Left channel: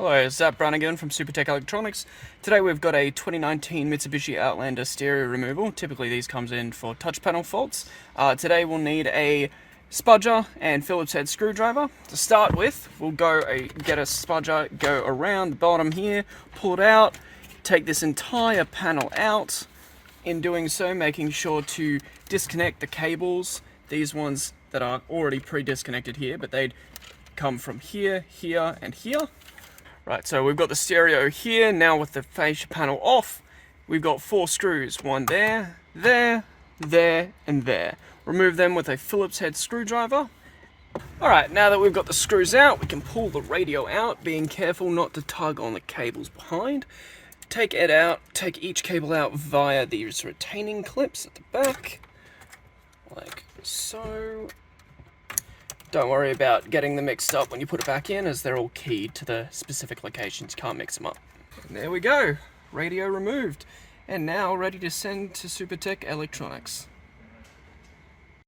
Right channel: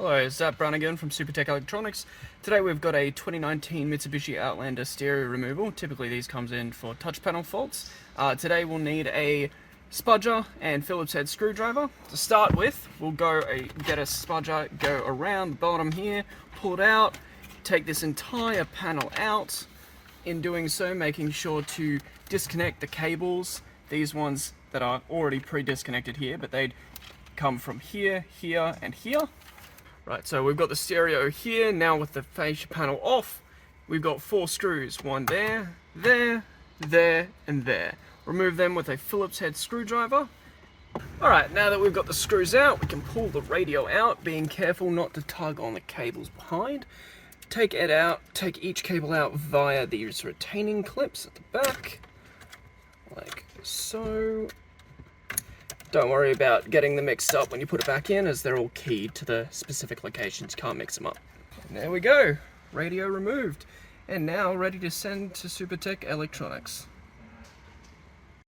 Hello, it's Zap Brown again from Supertech Electronics. Today we've got a 2019 Mitsubishi Outlander Stereo removal. Typically these comes in for touch panel faults. Today we'll need a spudger and Phillips head screwdriver. To start with, we'll get a spudger, go around the bottom here, pull it out, take this entire panel out. In doing so, making sure to disconnect the cables, these ones that are already pre-disconnected here, but they'd come from here, here, and here. Right, so we've got the stereo here. Now with the fascia panel off, we've got 4 screws. One there, there, there, and there. Remove them with a Phillips head screwdriver. Alright, now that we've got the screws out, we can pull the radio out, being careful not to tug on the cables behind. Take it out, take each cable out via these retaining clips at the back, like so. Don't worry about getting them mixed up when you put it back in, as they're all keyed to the specific locations. You can't mix them up. And there we go, radio removed. And now ready to send to Supertech Electronics.